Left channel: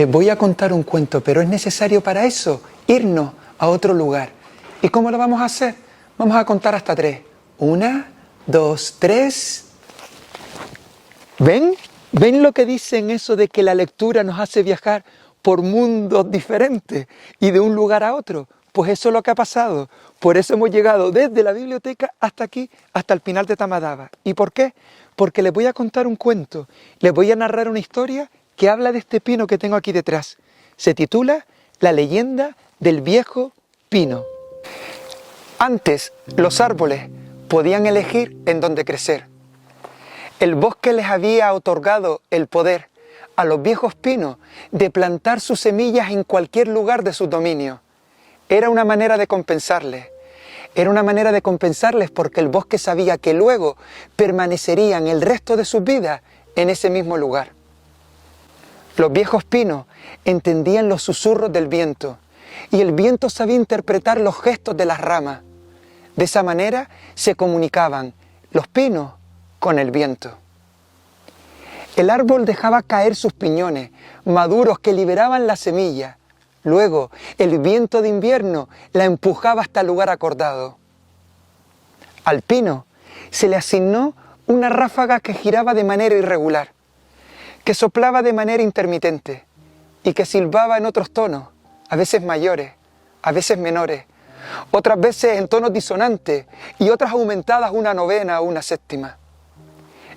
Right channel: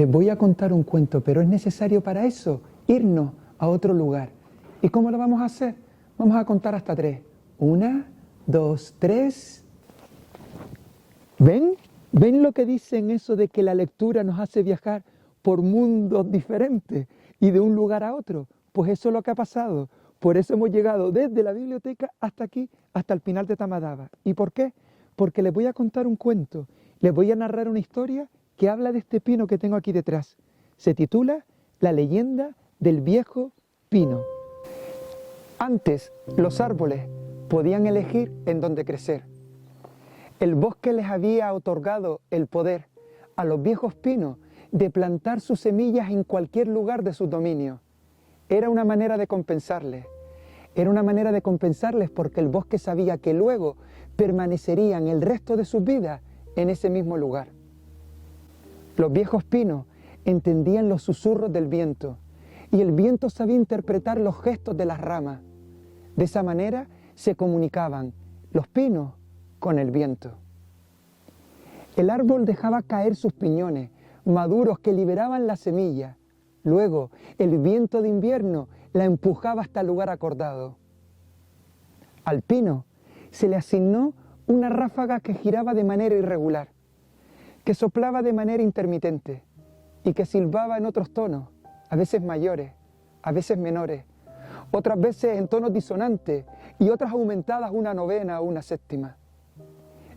Les voy a contar un cuento, pero es necesario para eso irnos a otro lugar. ¿Y cómo lo vamos a hacer? Vamos a contar hasta 3. 1, 2, 3. ¿Ven? ¿Ven lo que dicen eso de que la lectura nos hace viajar por mundos diferentes y de un lugar a otro? Pues eso es lo que ha pasado. Por eso hemos llegado desde la biblioteca hasta aquí, hasta el Pinar de Tamadaba. ¿Y por qué? Porque les voy a contar un cuento, les voy a narrar una historia que habla de este pino que tengo aquí detrás. Se titula La leyenda del viejo pino. Antes, los árboles podían elegir en dónde crecer. El bosque les había otorgado el poder a los viejos pinos de plantar sus semillas en cualquier lugar de su dominio. Era una manera de compensarles. Era una manera de compensarles porque el bosque sabía que luego permanecerían el resto de sus vidas en ese mismo lugar. Los viejos pinos entendían los susurros del viento y el viento sabía interpretar los gestos de las ramas. De esa manera se comunicaban los pinos con el viento. El árbol dejaba caer sus piñones maduros que liberaban la semilla. Luego, el viento de invierno la empujaba hasta el lugar acordado. Al pino se le asignó una ráfaga que giraba de manera irregular, que soplaba de manera intermitente y que silbaba en otros tonos, a veces mayores, a veces menores, otras veces en tonos disonantes y otras aumentadas una novena o una séptima.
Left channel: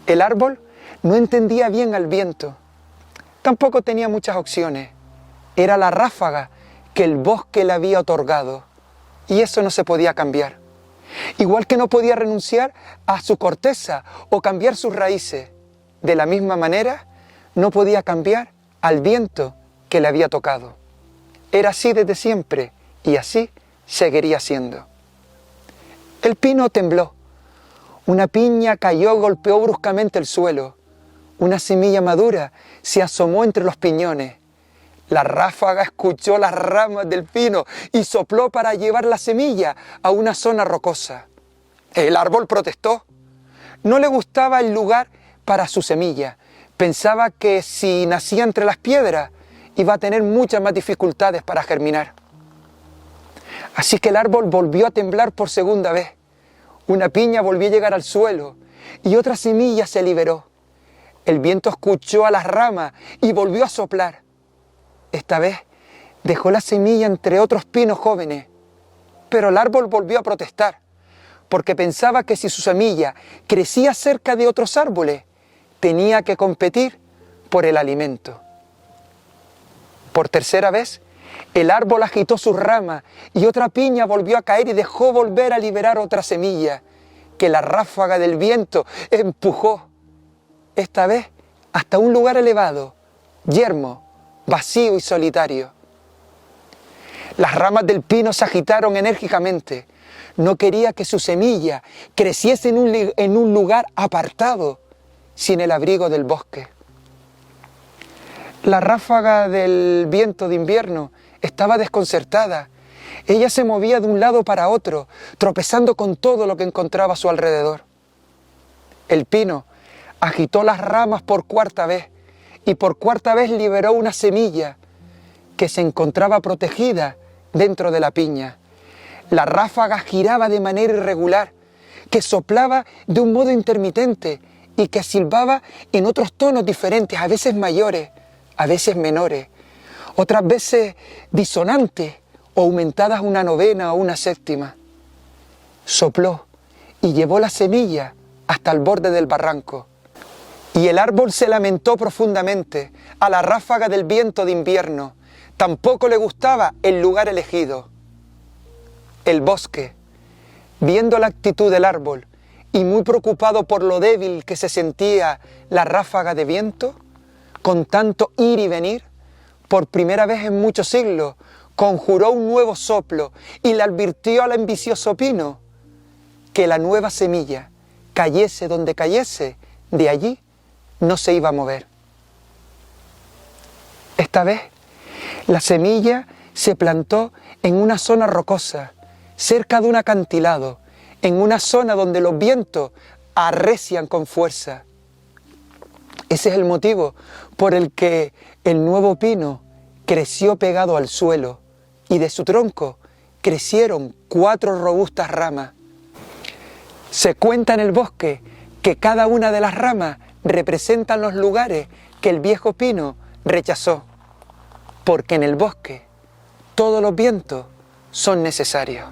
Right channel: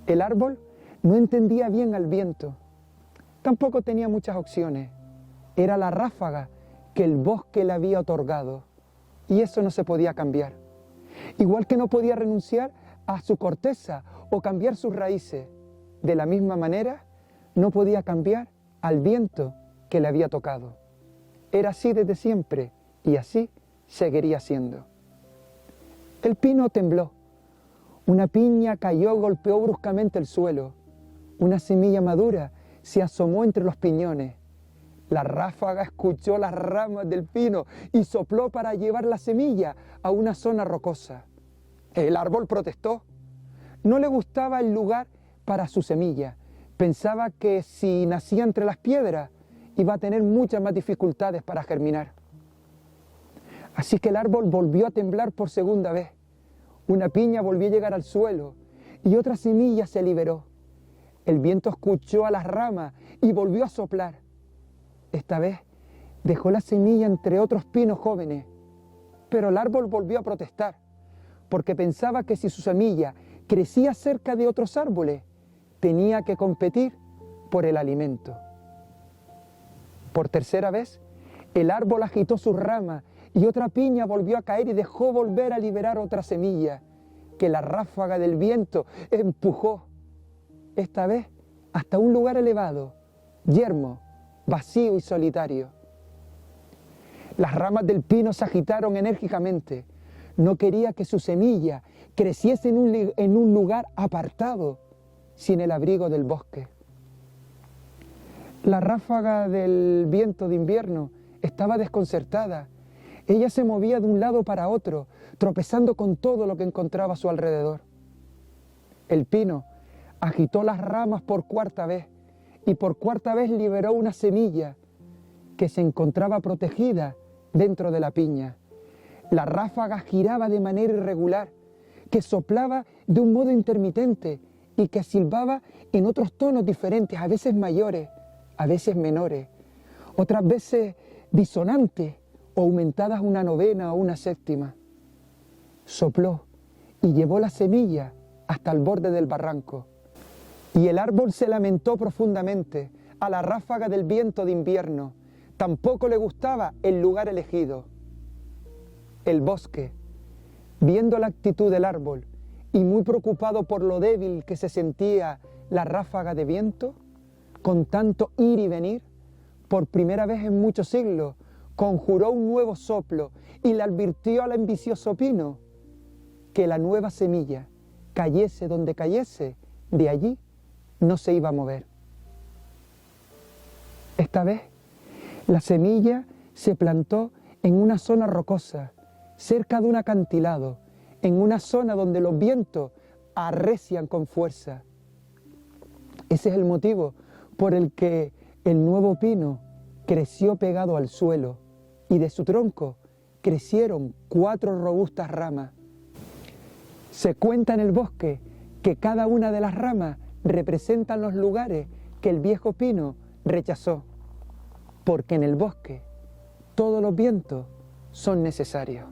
El árbol no entendía bien al viento, tampoco tenía muchas opciones. Era la ráfaga que el bosque le había otorgado y eso no se podía cambiar. Igual que no podía renunciar a su corteza o cambiar sus raíces, de la misma manera no podía cambiar al viento que le había tocado. Era así desde siempre y así seguiría siendo. El pino tembló. Una piña cayó, golpeó bruscamente el suelo. Una semilla madura se asomó entre los piñones. La ráfaga escuchó las ramas del pino y sopló para llevar la semilla a una zona rocosa. El árbol protestó. No le gustaba el lugar para su semilla. Pensaba que si nacía entre las piedras iba a tener muchas más dificultades para germinar. Así que el árbol volvió a temblar por segunda vez. Una piña volvió a llegar al suelo y otra semilla se liberó. El viento escuchó a las ramas y volvió a soplar. Esta vez dejó la semilla entre otros pinos jóvenes, pero el árbol volvió a protestar, porque pensaba que si su semilla crecía cerca de otros árboles, tenía que competir por el alimento. Por tercera vez, el árbol agitó sus ramas y otra piña volvió a caer y dejó volver a liberar otra semilla, que la ráfaga del viento empujó, esta vez hasta un lugar elevado, yermo, vacío y solitario. Las ramas del pino se agitaron enérgicamente. No quería que su semilla creciese en un lugar apartado, sin el abrigo del bosque. La ráfaga del viento de invierno estaba desconcertada. Ella se movía de un lado para otro, tropezando con todo lo que encontraba a su alrededor. El pino agitó las ramas por cuarta vez y por cuarta vez liberó una semilla que se encontraba protegida dentro de la piña. La ráfaga giraba de manera irregular, que soplaba de un modo intermitente y que silbaba en otros tonos diferentes, a veces mayores, a veces menores, otras veces disonantes o aumentadas una novena o una séptima. Sopló y llevó la semilla hasta el borde del barranco. Y el árbol se lamentó profundamente a la ráfaga del viento de invierno. Tampoco le gustaba el lugar elegido. El bosque, viendo la actitud del árbol y muy preocupado por lo débil que se sentía la ráfaga de viento, con tanto ir y venir, por primera vez en muchos siglos, conjuró un nuevo soplo y le advirtió al ambicioso pino que la nueva semilla, cayese donde cayese, de allí no se iba a mover. Esta vez, la semilla se plantó en una zona rocosa, cerca de un acantilado, en una zona donde los vientos arrecian con fuerza. Ese es el motivo por el que el nuevo pino creció pegado al suelo y de su tronco crecieron 4 robustas ramas. Se cuenta en el bosque que cada una de las ramas representan los lugares que el viejo pino rechazó, porque en el bosque todos los vientos son necesarios.